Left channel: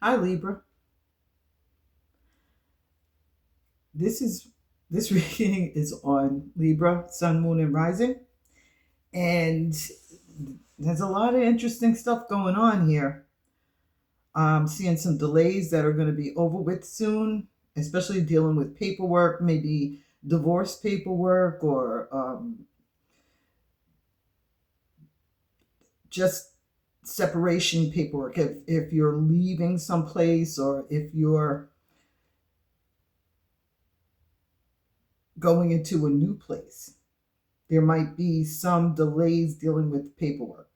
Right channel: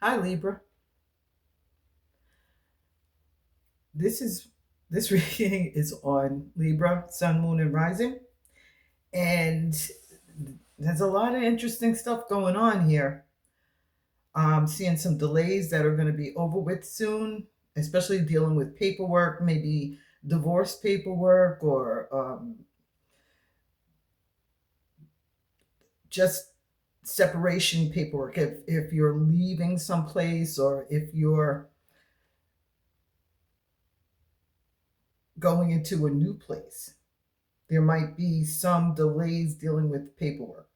Hi Libra. This is this reading is on Libra, Sun, Moon, and Rising, and there's a lot of interesting stuff going on here. I'm seeing some delays that are going to be over with soon, especially dealing with paperwork, maybe divorce paperwork or just separation paperwork. If you're leaving someplace or if you're going into a new place, there might be some delays dealing with paperwork.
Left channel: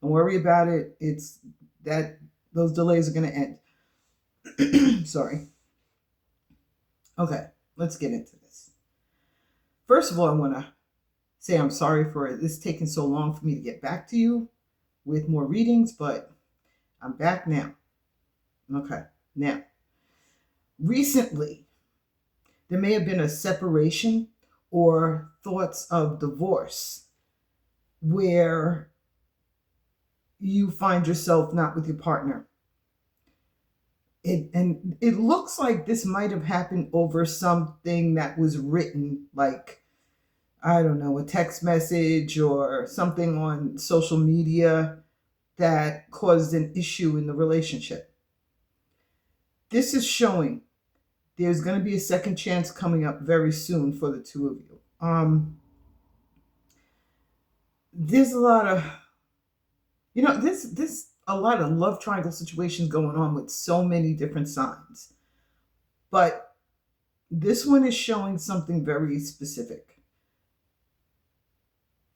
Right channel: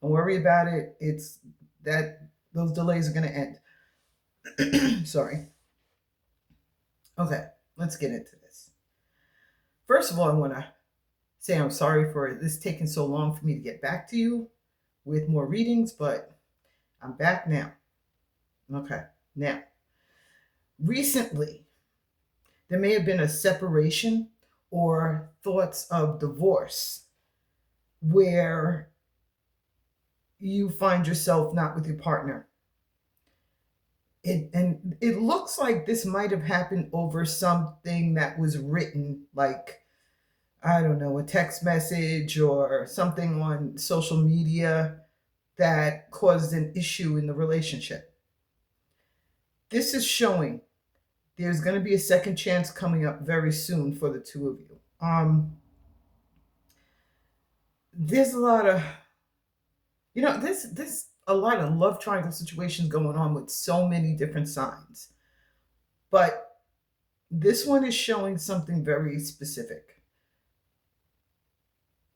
Don't worry about it. It's that those delays are going to end. Sorry. Okay, let's get into this. First of all, I want to say I'm sorry for this taking so long for me to get back to you with more readings, but I'm back now. Okay, now, recently, there may have been a separation or thoughts of divorce where you find yourself not with your partner. It looks like this might have happened over something that was written, like, I don't know, a text message or something on social media that caused an issue in the relationship. This is showing there's going to be a second chance coming up very soon for the two of you. There's a lot of, this a lot of love triangle situations going on with so many different signs, but this one is showing something very specific.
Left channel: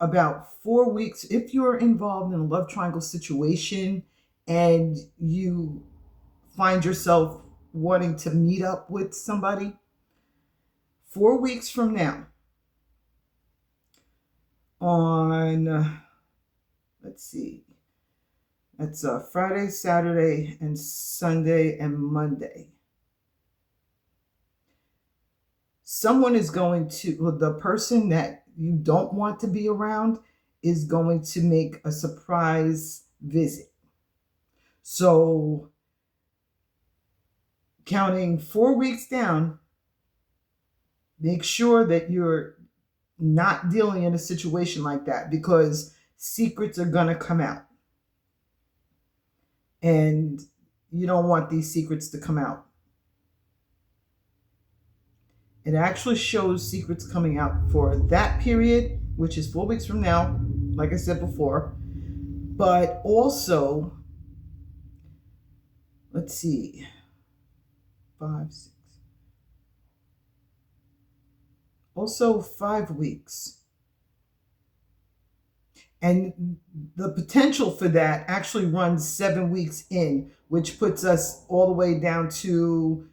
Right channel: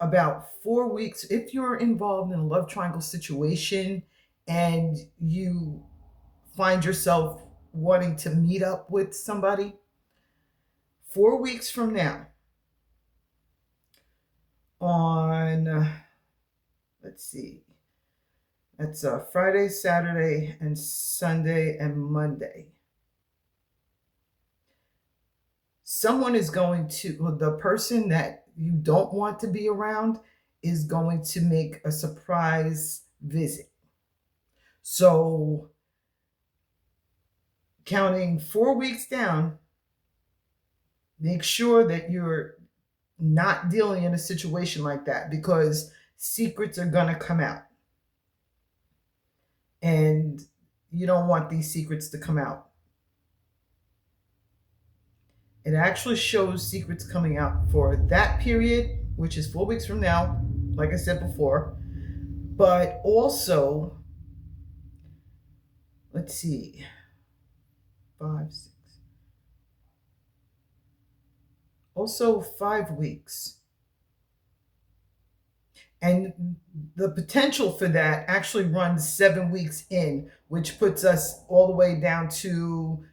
About 4 weeks, if you're involved in a love triangle situation and you find yourself wanting to meet up with somebody, 4 weeks from now, on, let's see, that's Friday, Saturday, and Sunday, and Monday. Someone is going to, well, the person that you don't want to be around is going to make a surprise visit. So, counting 4 weeks down, make sure that you're not dealing in a situation like that because secrets are going to come out. And you don't want these secrets to come out. It actually shows secrets coming out for that period, which is 4 weeks from now, like I said before. But also, let's see, 5, 6, also 5 weeks. And the potential for that actually runs 7 weeks in, which puts us all the way down to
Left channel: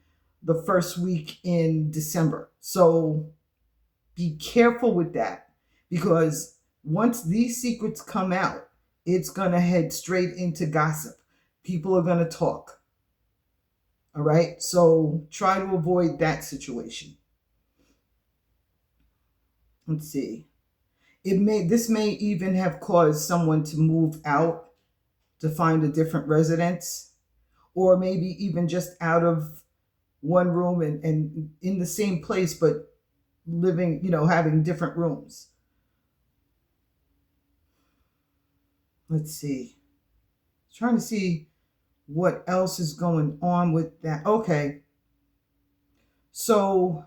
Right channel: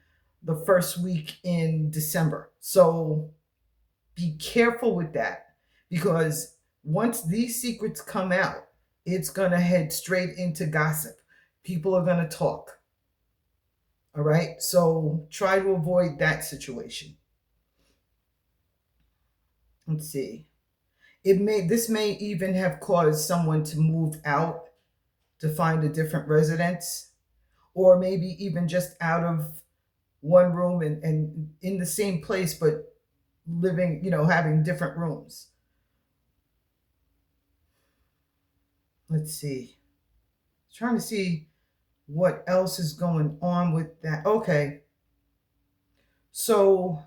the first week in December. So be careful with that because once these secrets come out, it's going to head straight into gossip. People are going to talk. All right. So try to avoid that situation. Let's see. This may even have caused someone to move out to find a different residence, or maybe even just out of one room and in the same place, but living, having different rooms. Let's see. Trying to see what else is going on with that. Okay. So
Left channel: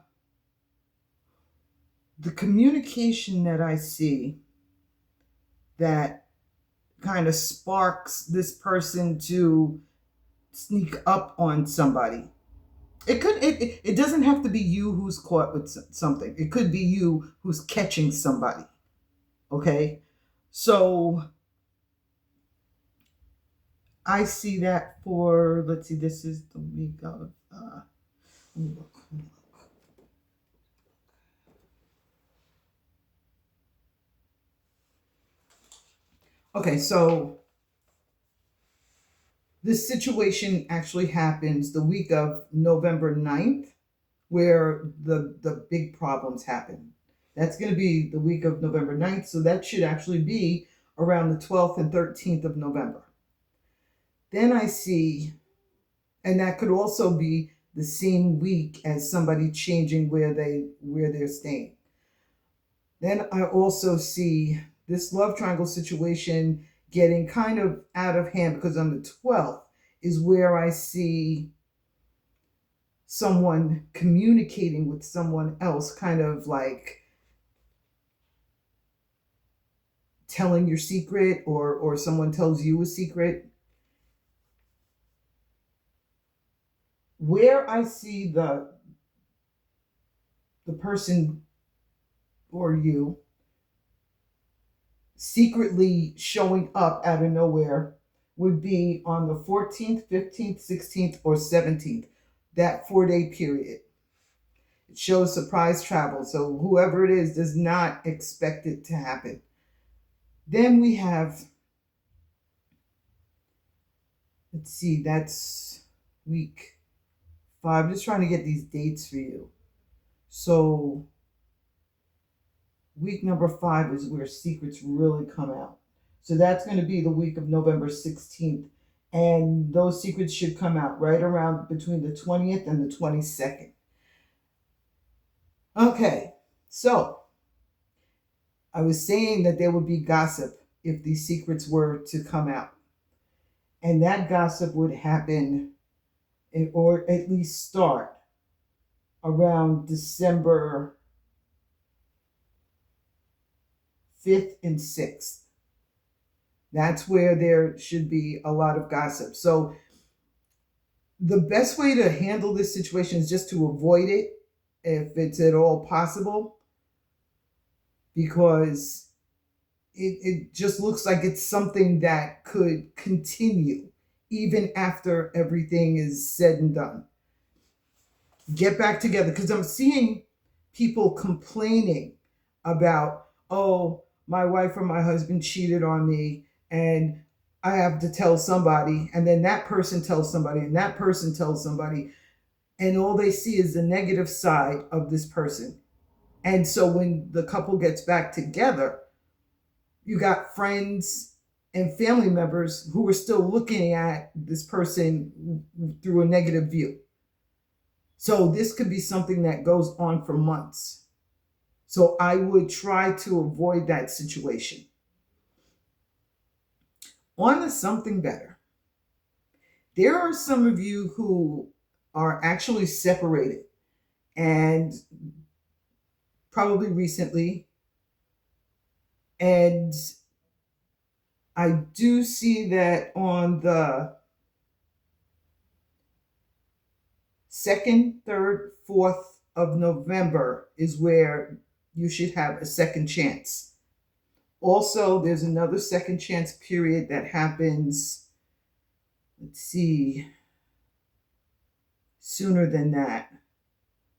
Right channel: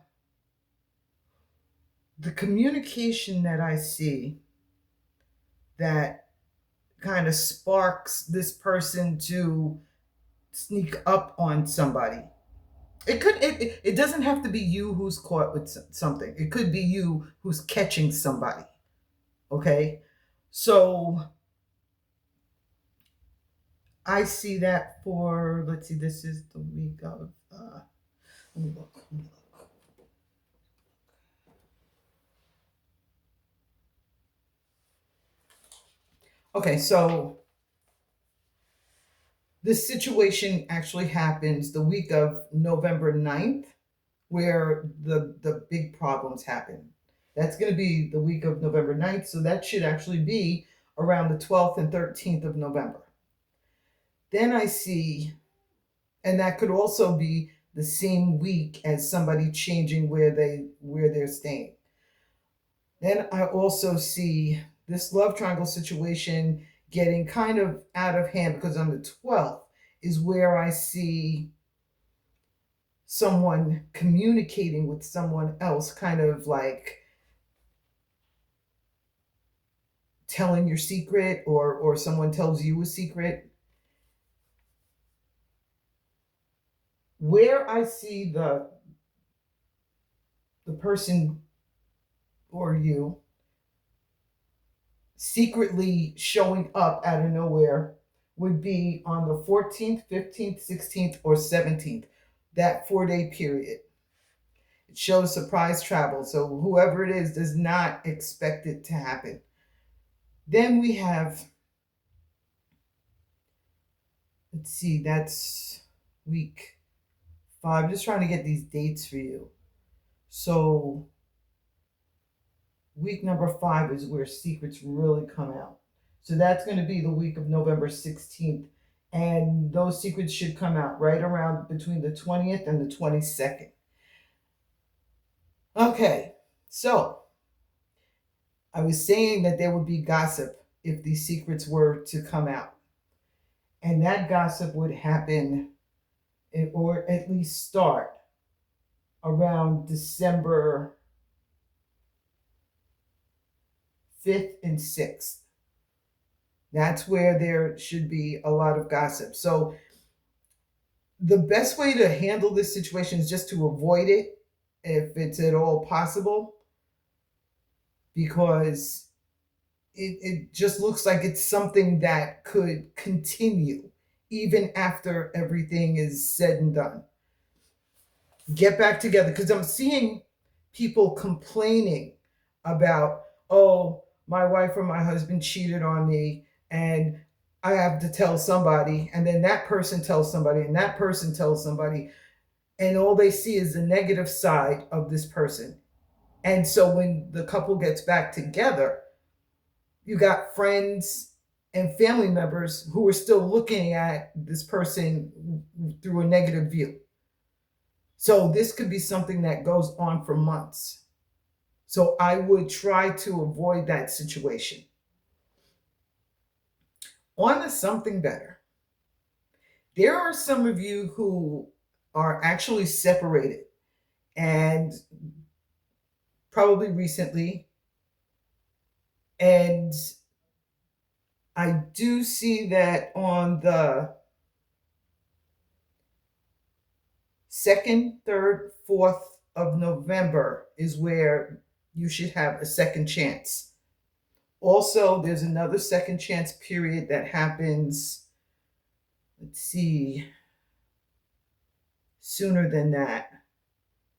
the communication that I see that kind of sparks this person to sneak up on somebody. It doesn't have to be you who's caught with something. It could be you who's catching somebody. Okay? So I see that for, let's see, this is the week of, let me look. Okay, so this situation actually happens the week of November 9th, where the big problems happen. That's going to be the week of November 9th, so that should actually be around the 12th and 13th of November. Then I see And that could also be the same week as somebody changing where they're staying. Then I also see this love triangle situation getting kind of out of hand, because on the 12th is where I see someone communicating with someone else, kind of like telling your secret, or someone tells you a secret. Where I see the person or you secretly showing up out of nowhere would be on the 14th, 15th, 16th, or 17th, that 4 day period. It shows surprise travel. So whoever it is does not expect it to happen. Then we have, let's see, that's week 5. I'm just trying to get these dates for you. So week number 5 is where secrets really come out. So that's going to be the week of November 16th. And those secrets should come out right around between the 20th and the 22nd. Okay, so I was saying that there would be gossip if these secrets were to come out. And that gossip would happen, or at least start, around December 5th and 6th. That's where there should be a lot of gossip. So the best way to handle this situation is just to avoid it if it's at all possible, because it just looks like it's something that could continue even after everything is said and done. Get back together, because I'm seeing people complaining about, oh, my wife or my husband cheated on me, and I have to tell somebody, and then that person tells somebody, and that person tells somebody, and all they see is the negative side of this person. And so when the couple gets back together, you got friends and family members who are still looking at this person through a negative view. So this could be something that goes on for months. So I would try to avoid that situation. On to something better. There are some of you who are actually separated, and probably recently. And I do see that on the 2nd, 3rd, 4th of November is where you should have a second chance. Also, there's another second chance period that happens, let's see, sooner than that.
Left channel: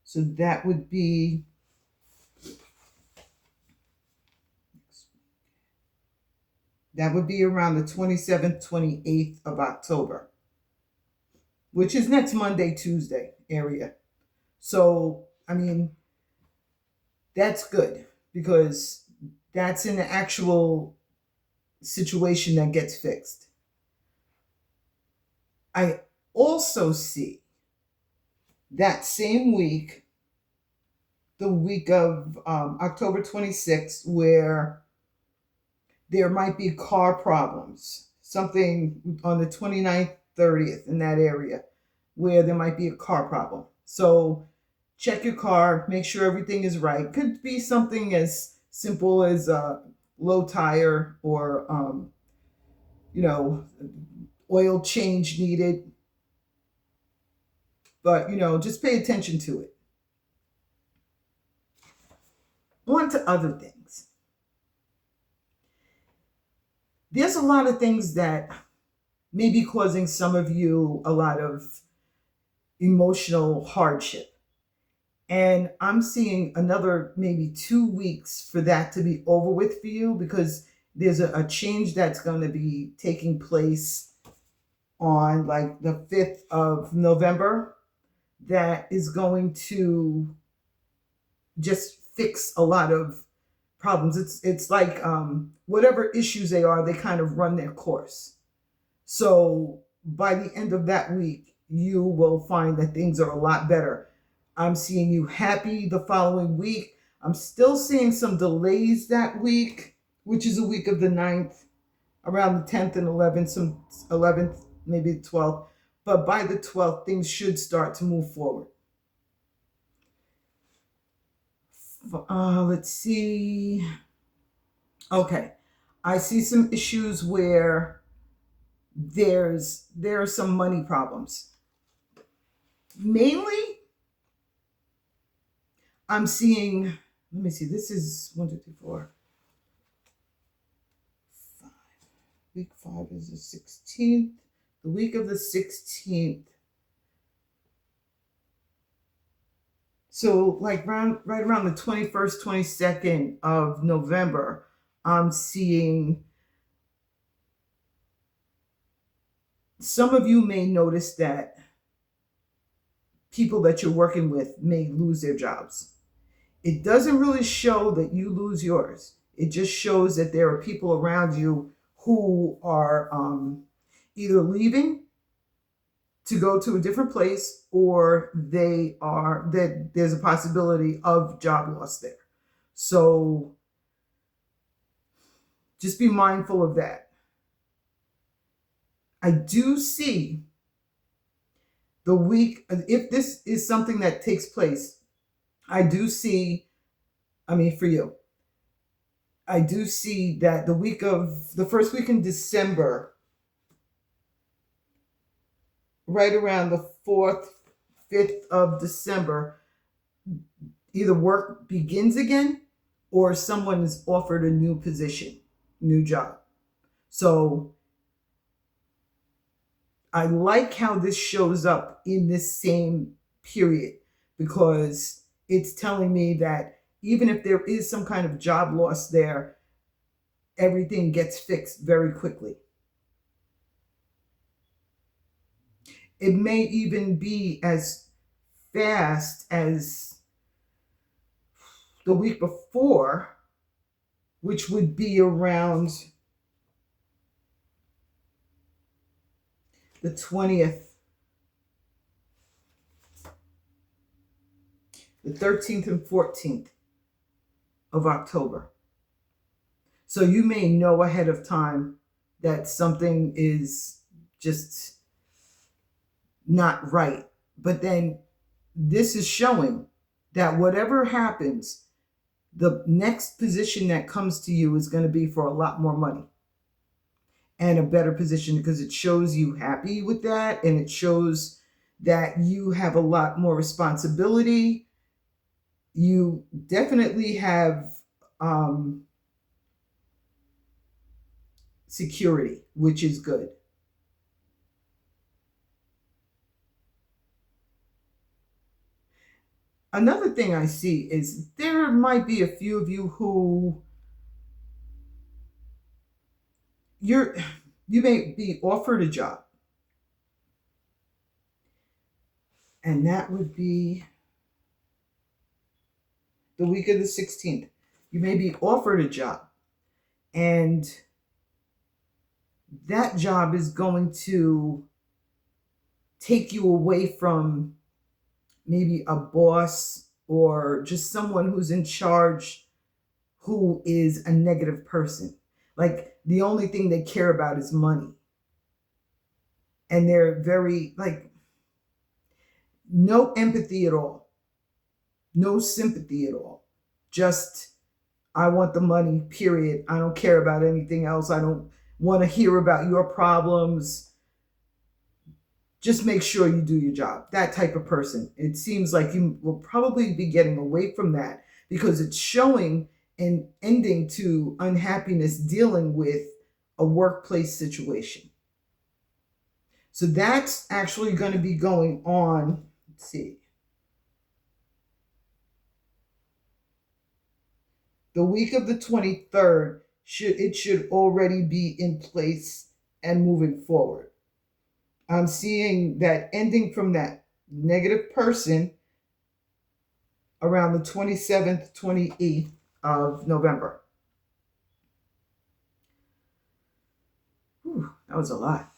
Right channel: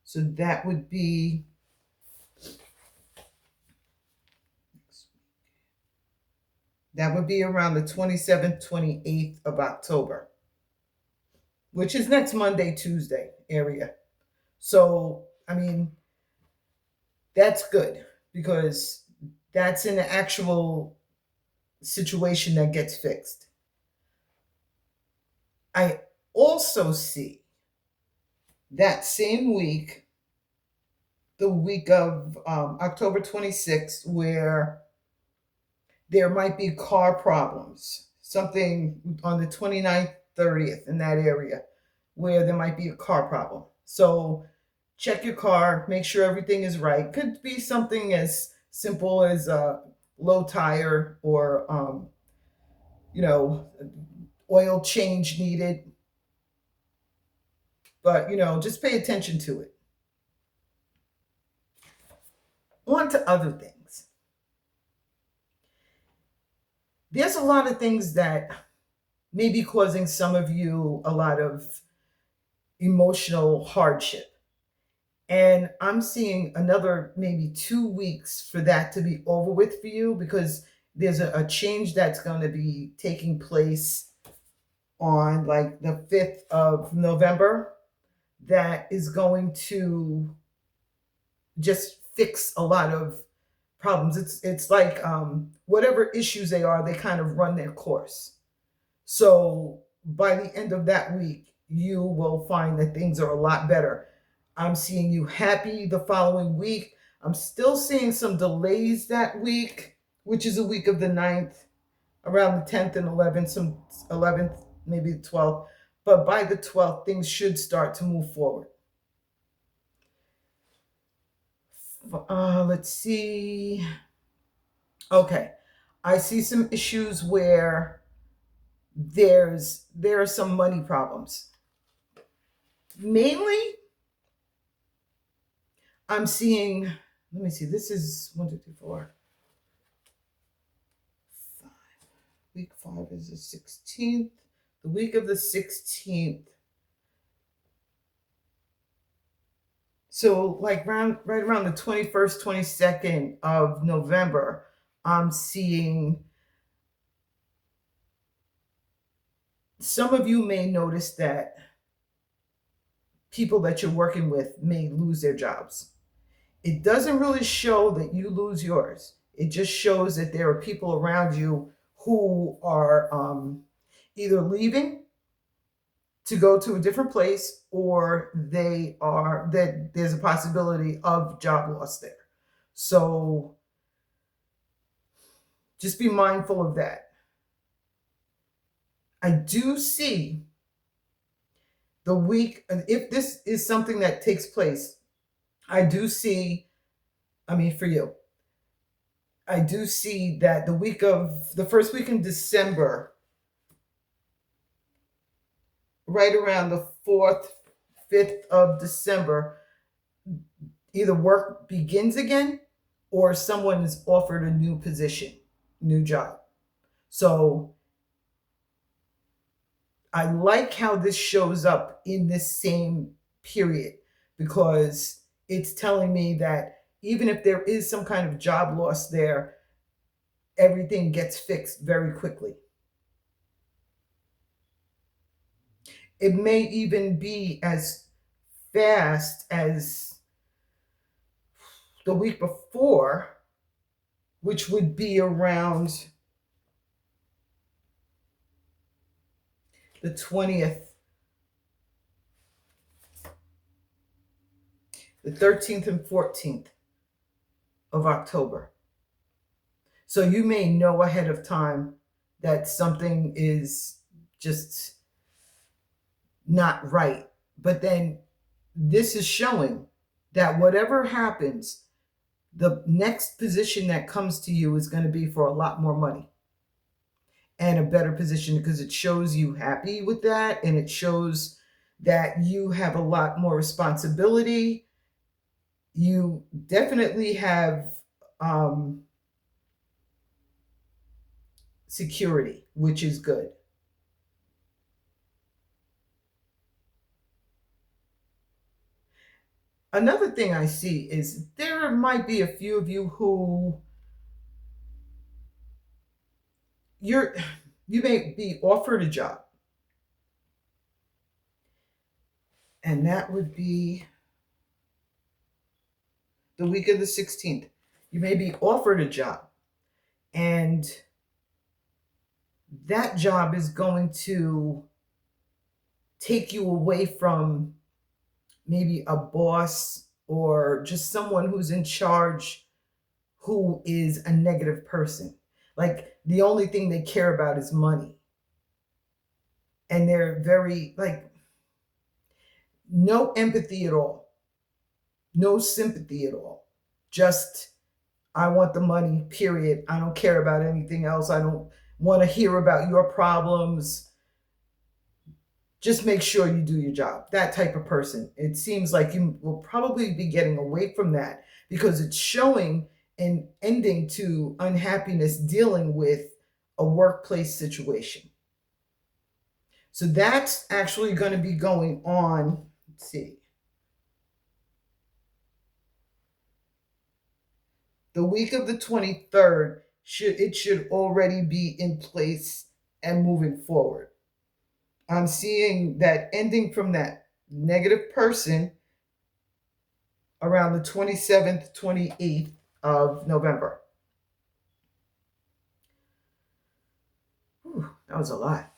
So that would be around the 27th, 28th of October, which is next Monday, Tuesday area. So, I mean, that's good, because that's an actual situation that gets fixed. I also see that same week, the week of October 26th, where there might be car problems, something on the 29th, 30th, in that area, where there might be a car problem. So check your car, make sure everything is right. Could be something as simple as a low tire, or oil change needed. But just pay attention to it. On to other things. There's a lot of things that may be causing some of you a lot of emotional hardship. And I'm seeing another maybe 2 weeks for that to be over with for you, because there's a change that's going to be taking place on like the 5th of November that is going to just fix a lot of problems. It's like whatever issues they are, they kind of run their course. So by the end of that week, you will find that things are a lot better. I'm seeing you happy the following week. I'm still seeing some delays that week, which is a week of the 9th, around the 10th and 11th, some 11th, maybe the 12th. But by the 12th, things should start to move forward. Let's see. Okay. I see some issues where there are some money problems. Mainly, I'm seeing, let me see, this is 1, 2, 3, 4, 5. Week 5 is the 16th. The week of the 16th. So, like right around the 21st, 22nd of November, I'm seeing some of you may notice that people that you're working with may lose their jobs. It doesn't really show that you lose yours. It just shows that there are people around you who are either leaving to go to a different place, or that there's a possibility of job loss there. So just be mindful of that. I do see the week, if this is something that takes place, I do see, for you, I do see that the first week in December, right around the 4th, 5th of December, either work begins again or someone is offered a new position, new job. So I like how this shows up in this same period, because it's telling me that even if there is some kind of job loss there, everything gets fixed very quickly. It may even be as fast as the week before, which would be around the 20th, the 13th and 14th of October. So you may know ahead of time that something is just not right. But then this is showing that whatever happens, the next position that comes to you is going to be for a lot more money and a better position, because it shows you happy with that, and it shows that you have a lot more responsibility. You definitely have security, which is good. Another thing I see is there might be a few of you who you may be offered a job, and that would be the week of the 16th. You may be offered a job, and that job is going to take you away from maybe a boss or just someone who's in charge who is a negative person. Like, the only thing they care about is money. And they're very, like, no empathy at all, no sympathy at all. Just, I want the money, period. I don't care about anything else. I don't want to hear about your problems. Just make sure you do your job. That type of person. It seems like you will probably be getting away from that, because it's showing an ending to unhappiness dealing with a workplace situation. So that's actually going to be going on. Let's see. The week of the 23rd, should already be in place and moving forward. I'm seeing that ending from that negative person around the 27th, 28th of November. Whew, that was a lot.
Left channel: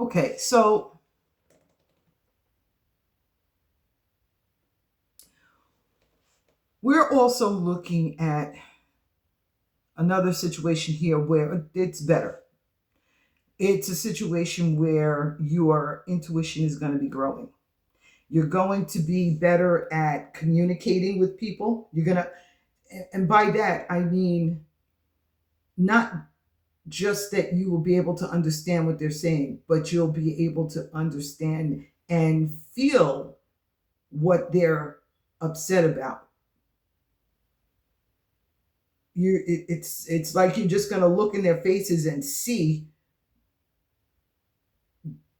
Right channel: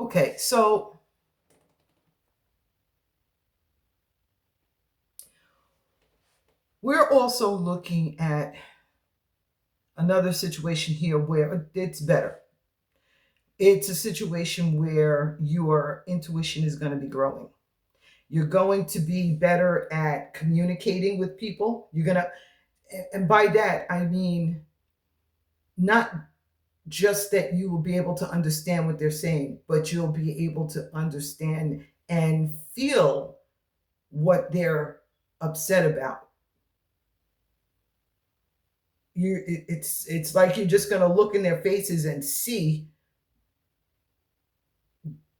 Okay, so we're also looking at another situation here where it's better. It's a situation where your intuition is going to be growing. You're going to be better at communicating with people. You're going to, and by that, I mean not just that you will be able to understand what they're saying, but you'll be able to understand and feel what they're upset about. It's like you're just going to look in their faces and see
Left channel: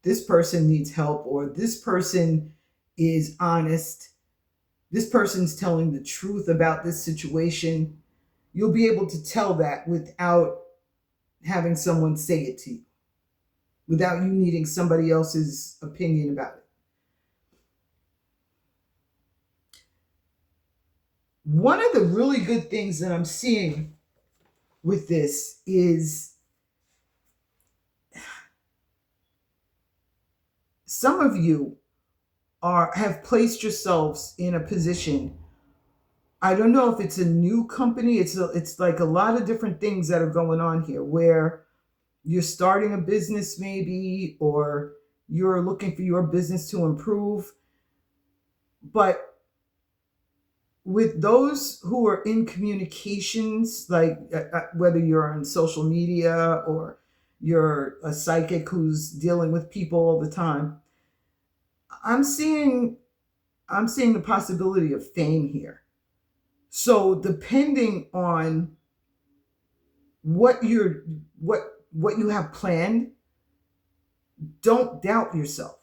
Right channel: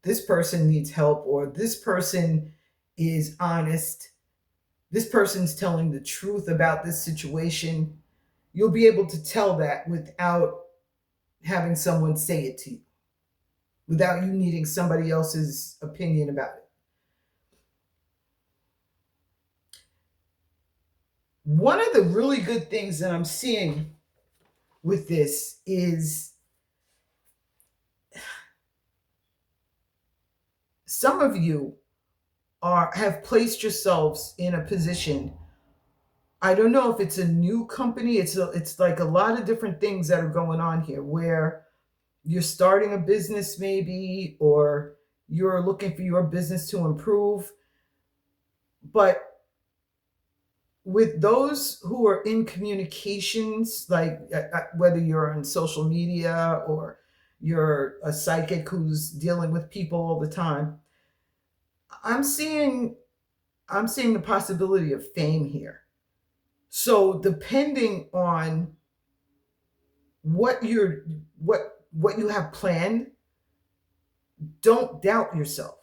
this person needs help, or this person is honest, this person's telling the truth about this situation. You'll be able to tell that without having someone say it to you, without you needing somebody else's opinion about it. One of the really good things that I'm seeing with this is some of you have placed yourselves in a position. I don't know if it's a new company. It's like a lot of different things that are going on here where you're starting a business maybe, or you're looking for your business to improve. But with those who are in communications, like whether you're on social media or you're a psychic who's dealing with people all the time, I'm seeing I'm seeing the possibility of fame here. So depending on what you're what you have planned, don't doubt yourself.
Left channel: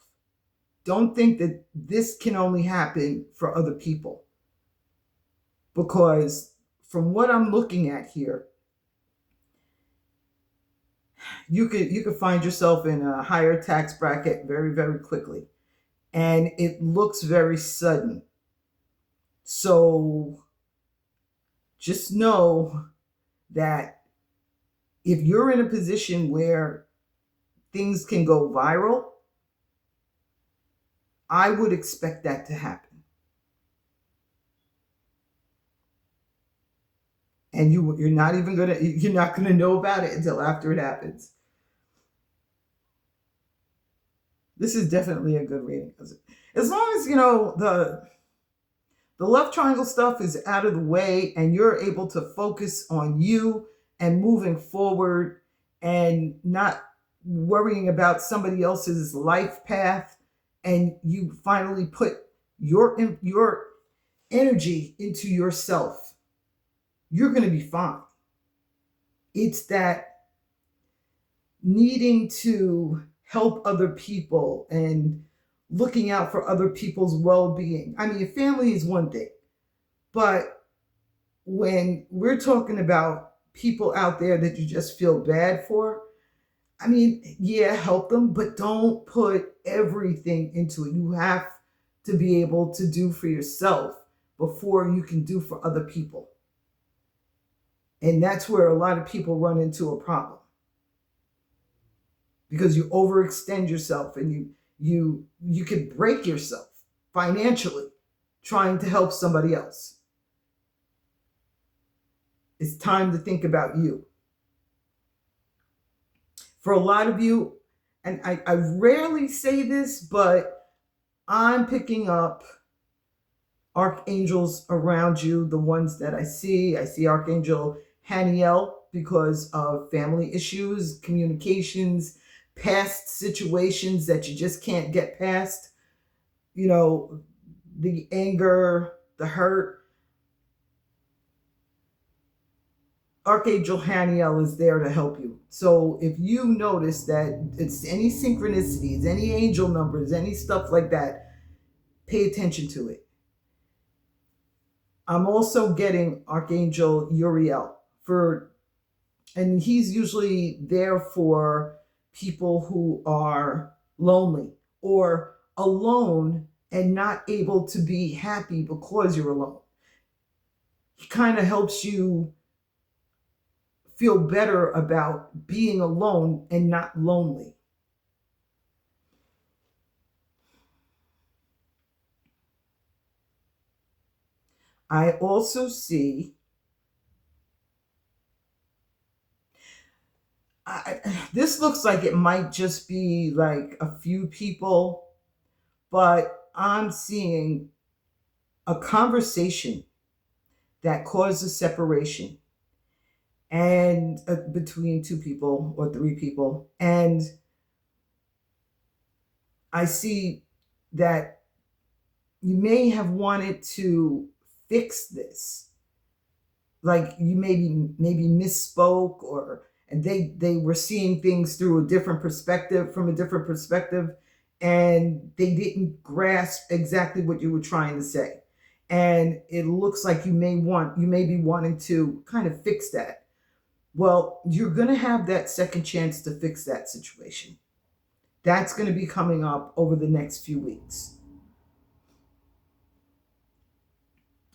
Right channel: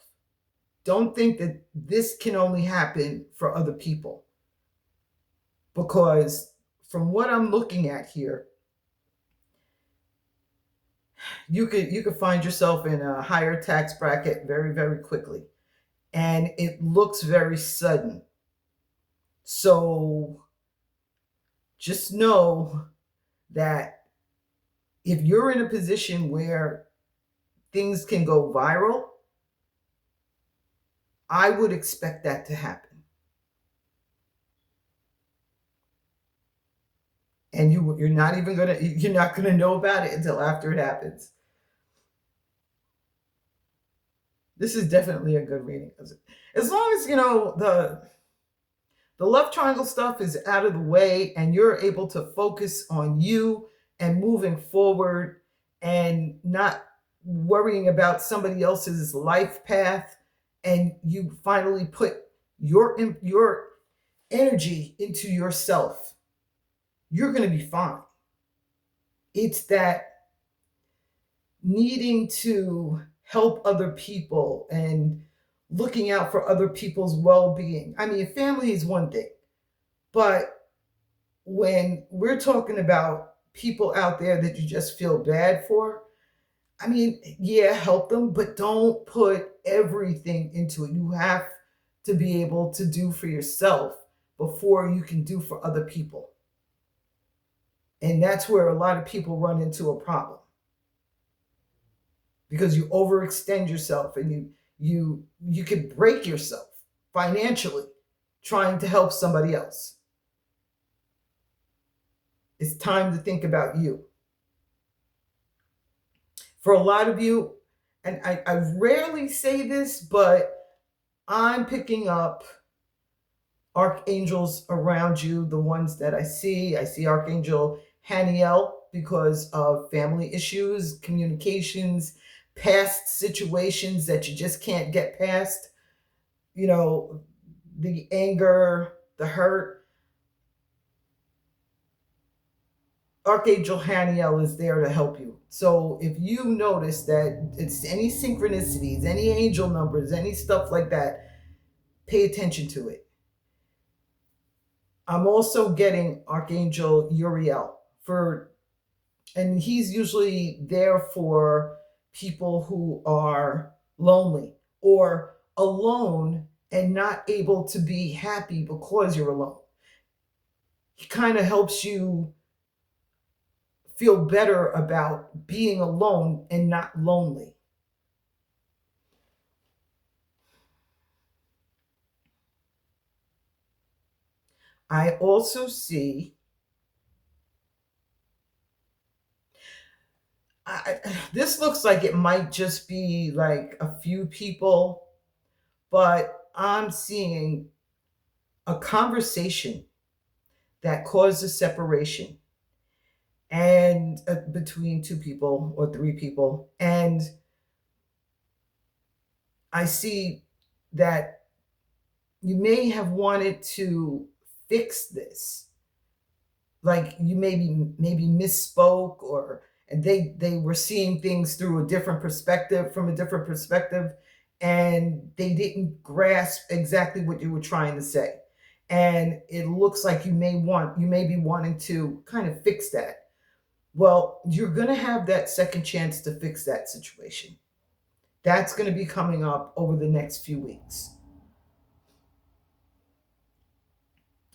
Don't think that this can only happen for other people, because from what I'm looking at here, you could find yourself in a higher tax bracket very, very quickly, and it looks very sudden. So just know that if you're in a position where things can go viral, I would expect that to happen. And you're not gonna know about it until after it happens. This is definitely a good reading, as long as you know the left triangle stuff is out of the way and you're able to focus on you and moving forward and not worrying about somebody else's life path, and you finally put your energy into yourself, you're going to be fine. It's that needing to help other people and looking out for other people's well-being. I mean, family is one thing, but when we're talking about people out there that you just feel bad for, I mean, yeah, help them, but don't put everything into it. You have to be able to do for yourself before you can do for other people. And that's where a lot of people run into a problem, because you overextend yourself and you can break yourself financially trying to help somebody else. It's time to think about you. For a lot of you, and I rarely say this, but I'm picking up archangels around you, the ones that I see. I see Archangel Haniel because of family issues, communications, past situations that you just can't get past, you know, the anger, the hurt. Archangel Haniel is there to help you. So if you notice that it's any synchronicities, any angel numbers, any stuff like that, pay attention to it. I'm also getting Archangel Uriel and he's usually there for people who are lonely or alone and not able to be happy because you're alone. He kind of helps you feel better about being alone and not lonely. I also see this looks like it might just be like a few people, but I'm seeing a conversation that causes separation and between two people or three people. And I see that you may have wanted to fix this, like you maybe misspoke, or and they were seeing things through a different perspective, from a different perspective, and they didn't grasp exactly what you were trying to say. And it looks like you may be wanting to kind of fix that. Well, you're going to have that second chance to fix that situation. That's going to be coming up over the next few weeks.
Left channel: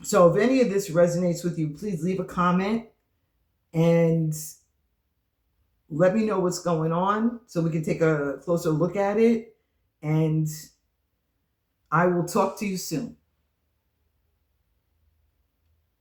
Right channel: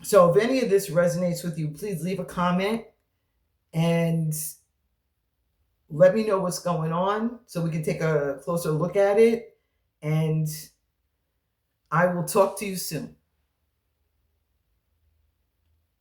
So if any of this resonates with you, please leave a comment and let me know what's going on so we can take a closer look at it. And I will talk to you soon.